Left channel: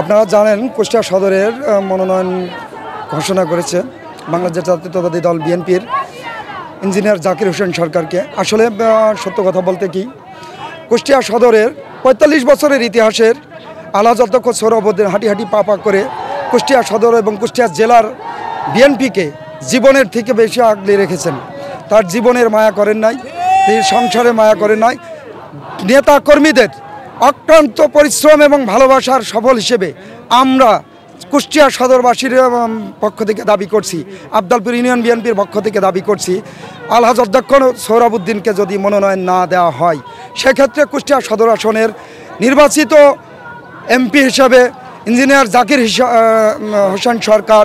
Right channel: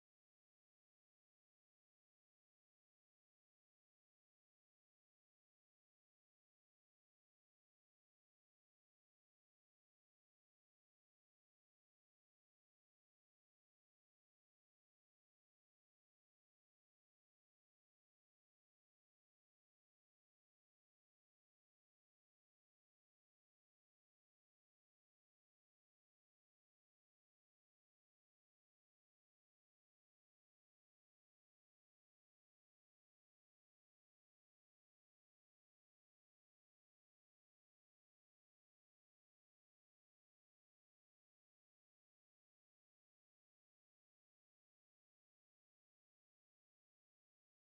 আপনারা জানেন কুষ্টিয়া সদরের মনোনয়ন ঘোষণা করেছে বাংলাদেশ জাতীয়তাবাদী দল বিএনপির ইঞ্জিনিয়ার জাকির হোসেন সরকারকে। আসলে সত্য কথা বলতে কি, কুষ্টিয়া সদরের ৪৫ বছরের ইতিহাসের আলহাজ অধ্যক্ষ সোহরাবউদ্দিন হাঁটি হাঁটি পা পা করে কুষ্টিয়া সদর এবং কুষ্টিয়া জেলার বিএনপিকে জীবনের থেকে বেশি আগলে রেখেছেন। তার জীবনের মায়া করেন নাই, তিনি সংসারে মায়া করেন নাই। নেতা কর্মীদের অক্লান্ত পরিশ্রম এবং ভালোবাসার সফল হিসেবে আমরা কুষ্টিয়া সদরবাসীর পক্ষ থেকে দাবি করছি, আবদালপুর ইউনিয়ন বিএনপির পক্ষ থেকে দাবি করছি, আলহাজ অধ্যক্ষ সোহরাবউদ্দিনকে যদি মনোনয়ন না দেওয়া হয়, সেক্ষেত্রে কুষ্টিয়া সদর আসনের নির্বাচিত এমপি হিসাবে ইঞ্জিনিয়ার জাকির হোসেন সরকার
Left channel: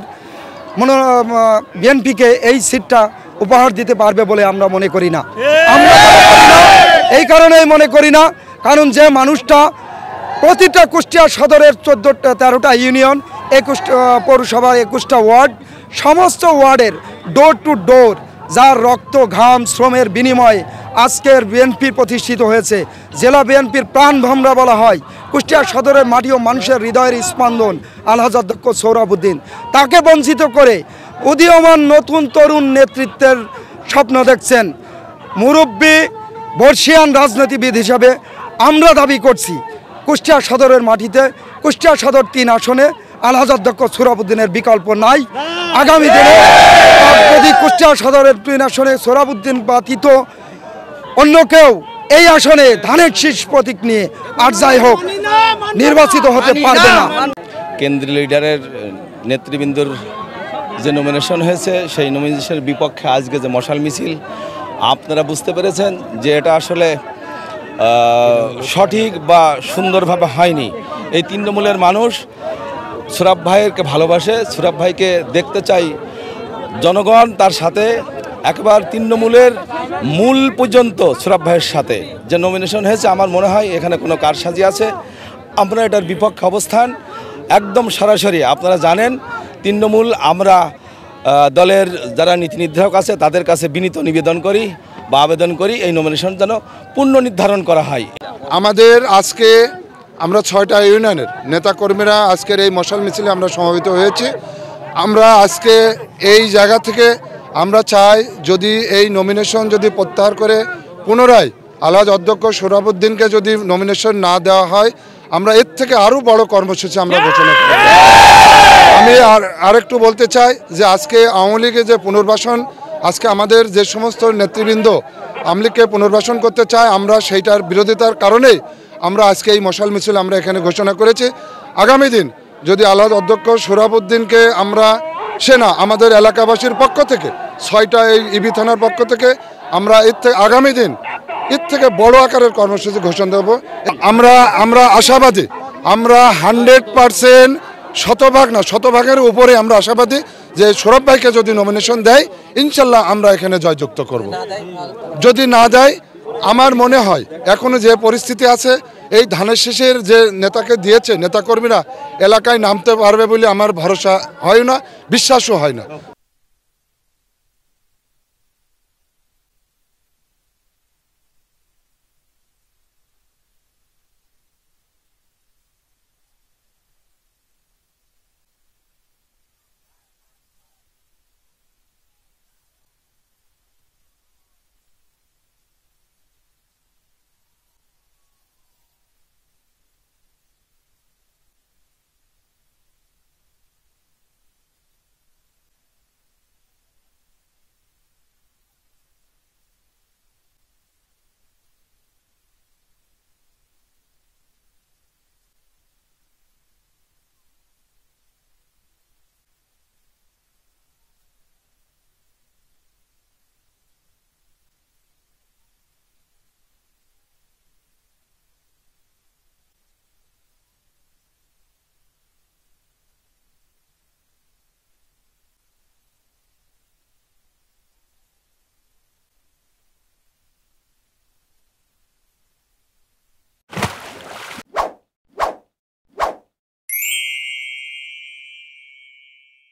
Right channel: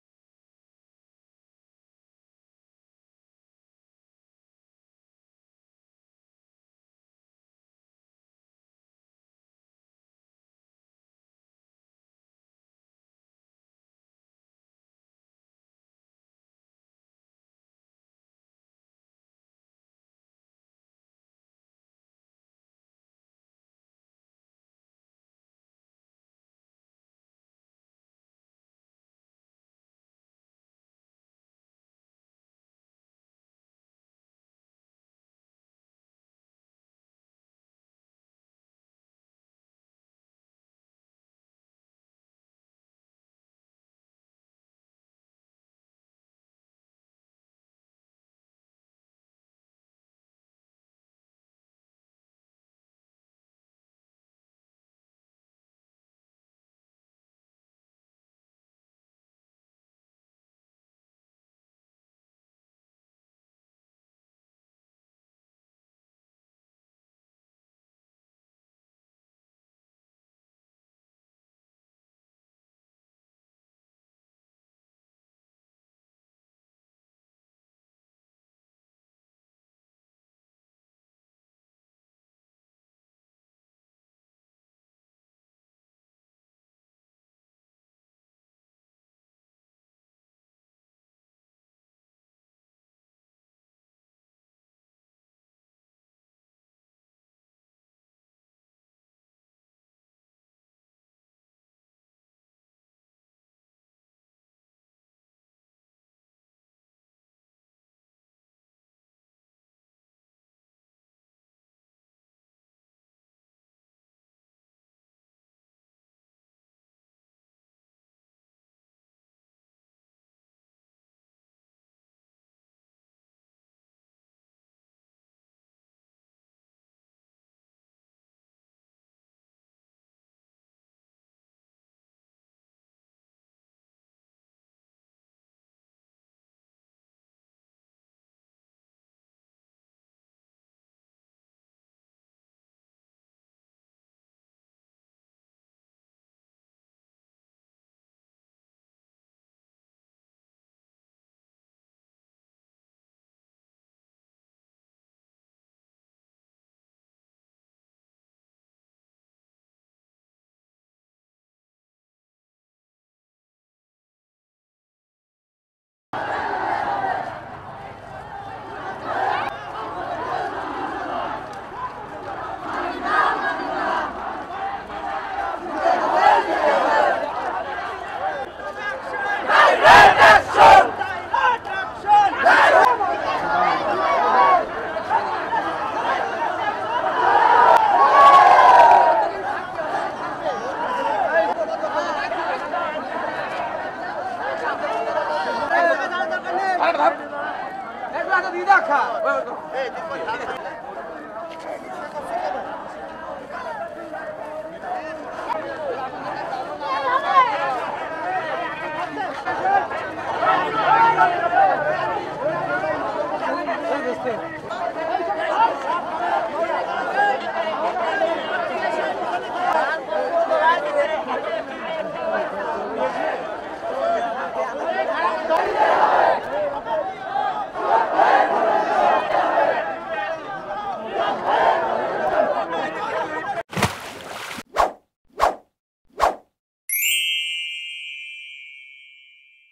বিএনপিকে এই সিটটা উপহার দিতে পারবে বলে আমরা মনে করি না। এই কারণেই মনে করি না, কারণ যে মানুষটা প্রতিটা কুষ্টিয়া সদরের 13টা ইউনিয়ন, 21 পৌরসভার 21টা ওয়ার্ড, সমস্ত ওয়ার্ডের ডোর টু ডোর যার রক্ত ঘাম শ্রমের বিনিময়ে আজকের বিএনপি প্রতিষ্ঠিত হয়েছে, জেলা বিএনপির প্রাণভমরা বলা হয়, কুষ্টিয়া সদরের মাটি ও মানুষের হৃদয়ের স্পন্দন আলহাজ অধ্যক্ষ সোহরাবউদ্দিন, তাকে বঞ্চিত করে উদীয়মান নতুন তরুণ নেতৃত্বের স্বপ্ন দেখছেন মুরব্বী বর্ষিয়ান রাজনীতিবিদ হিসাবে আমরা দাবি করছি কুষ্টিয়া সদরের মাটিতে কুষ্টিয়া সদর 3 আসনে আলহাজ অধ্যক্ষ সোহরাবউদ্দিনের বিকল্প নাই। আগামী দিনে যদি কুষ্টিয়া সদরের 3 আসনে সোহরাবউদ্দিন ব্যতীত অন্য কেউ এই আসনে ধানের শীষ প্রতীক নিয়ে আর যাই হোক নির্বাচিত হতে পারবে না। কেন্দ্রীয় লিডারের নেতৃবৃন্দর যে নমিনেশন হয়েছে, সেই নমিনেশনের বিপক্ষে আজকে যে মশাল মিছিল, আপনারা বুঝতে পেরেছেন যে এটা আসলে সঠিক বা সুন্দরভাবে হয়নি। এই তৃণমূলের মানুষ সোহরাব ভাইকে ভালোবাসে, সোহরাব ভাইকে দেখতে চাই জনগণ তার সাথে, একবার তৃণমূলের মূল পর্যন্ত সোহরাব ভাইয়ের সাথে। যে নমিনেশন হয়েছে আমার মনে হয় এখানে কোনো কারসাজি আছে। আমরা এটার বিপক্ষে অবস্থান একদম সরাসরি। আপনারা জানেন তৃণমূল আমরা দলের যারা নীতি নির্ধারক আছে তাদের কাছে বিনীত নিবেদন করি বা আবেদন করি এই নমিনেশন যেন পুনঃ নির্ধারণ করা হয়। আমাদের আজকে আমরা 6টা ইউনিয়নের নেতাকর্মীরা আজকের এই মশাল মিছিলে আমরা সমবেত হয়েছি। আমরা আজকে এই জায়গা থেকে আমরা চাই যদি এই নমিনেশন যদি প্রত্যাহার করে পুনরায় আলহাজ অধ্যক্ষ সোহরাবউদ্দিনকে যদি নমিনেশন না দেওয়া হয়, আমরা এর থেকে আরও বড় কর্মসূচি আমরা ঘোষণা করব। আমি আরেকটু বলতে চাই যে আজকে আওয়ামী লীগের যে পুনর্বাসন, আজকে আমাদের যে সমস্ত নেতৃবৃন্দ আওয়ামী লীগকে পুনর্বাসন করতে চায়, আমরা সেইটার বিরোধিতার কারণেই আমরা আজকে এই মশাল মিছিল আমরা এখানে ঘোষণা করেছি। আগামী দিন যদি আলহাজ অধ্যক্ষ সোহরাবউদ্দিনকে আমরা আমাদের এলাকাবাসীর পক্ষ থেকে 6টা এই ইবি থানার পক্ষ থেকে আমরা এর থেকে আগামী দিন এর থেকে বড় আকারের কর্মসূচি ঘোষণা দেব। আমরা আশাবাদী, আমরা 100% শতভাগের উপরে আমরা আশাবাদী যে সোহরাব ভাইকে যদি নমিনেশন দেয় ইনশাল্লাহ আমরা এখানে জয়যুক্ত করব। যদি না দেয়, আমার মনে হয় এখনো যে পরিস্থিতি আছে, এই ধানের শীষের যে নেতাকে দিয়েছে নেতাকর্মীরা এলাকায় নামতে পারবে বলে আমার ভরসা হয় না, বিশ্বাসও হয় না। Hey,